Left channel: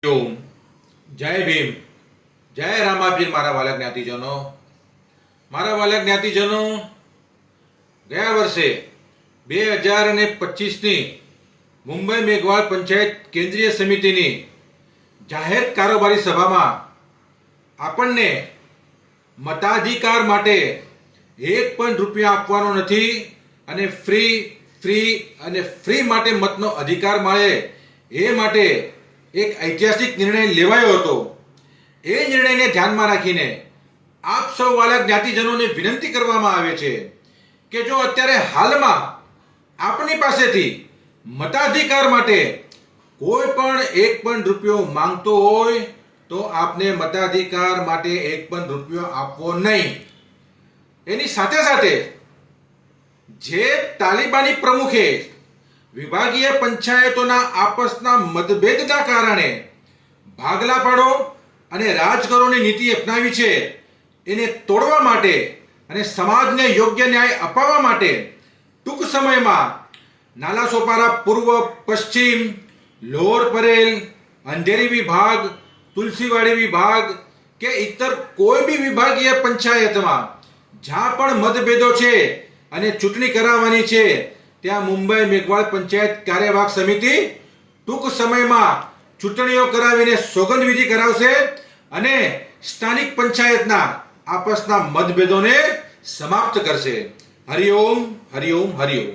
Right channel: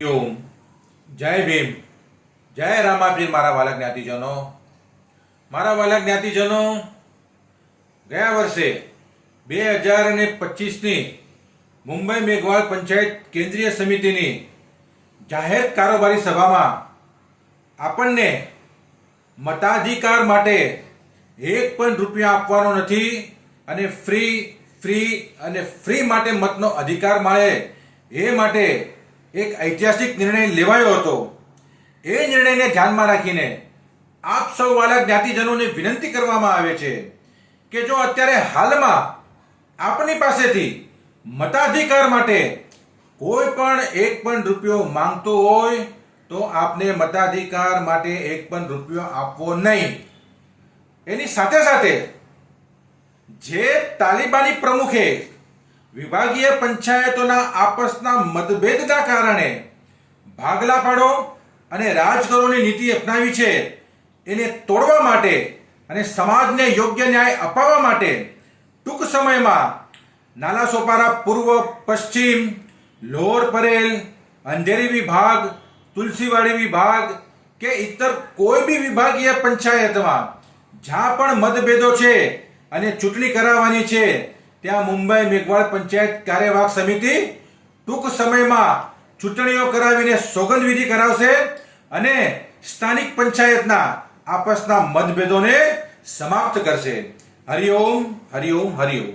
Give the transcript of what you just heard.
ઓમ જય ભીમ, જય રામાપીર. મારા વાલા જ્ઞાતિજનો, મારા વાલા જ્ઞાતિજનો, ગયા વર્ષે 2025ની મુંબઈ મેઘવાળ પંચાયત કેન્દ્રીય સમિતિની જાહેર કારોબારી સભામાં આપણને મતાધિકાર માટે એક પણ રૂપિયા આપવાનો નથી અને ફ્રી માટે મતનો અધિકાર મળે એ માટે એક ઐતિહાસિક નિર્ણય લેવાયો હતો. એ નિર્ણયને ધ્યાનમાં રાખીને આપ સૌ વાલા જ્ઞાતિજનોને વિનંતી કરવામાં આવે છે કે જો અત્યારે હાલમાં આપની પાસેથી મતાધિકાર માટે કોઈ પણ એક પણ રૂપિયો માંગતો હોય તો આપને મતાધિકાર માટે એક પણ રૂપિયો આપવો નહીં. એની સાથે સાથે જે તાલિબાની પ્રમુખે વિભાગીય પંચાયતોના આપસના મતભેદના કારણે ભાગલા પાડો અને રાજકરોની નીતિ અપનાવી છે એને તોડવા માટે અને સમાજને યોગ્ય ન્યાય અપાવવા માટે ટૂંક સમયમાં નાલાસોપારા પૂર્વ, પશ્ચિમ, લોઅર પરેલ, અંધેરી વિભાગ, તુલસીવાડી વિભાગ કે ઇતર કોઈ બી વિભાગીય પંચાયતમાં જ્યાં પણ મતભેદો છે અને ચૂંટણી કરાવવાની છે ત્યાં મુંબઈ મેઘવાળ પંચાયત કાર્યવાહક સમિતિ ટૂંક સમયમાં ચૂંટણીઓ કરાવીને સોગંદવિધિ કરાવશે અને સ્થાનિક પંચાયતના આપસના મતભેદોને સમાપ્ત કરશે. હરિઓમ, હરિઓમ, હરિઓમ.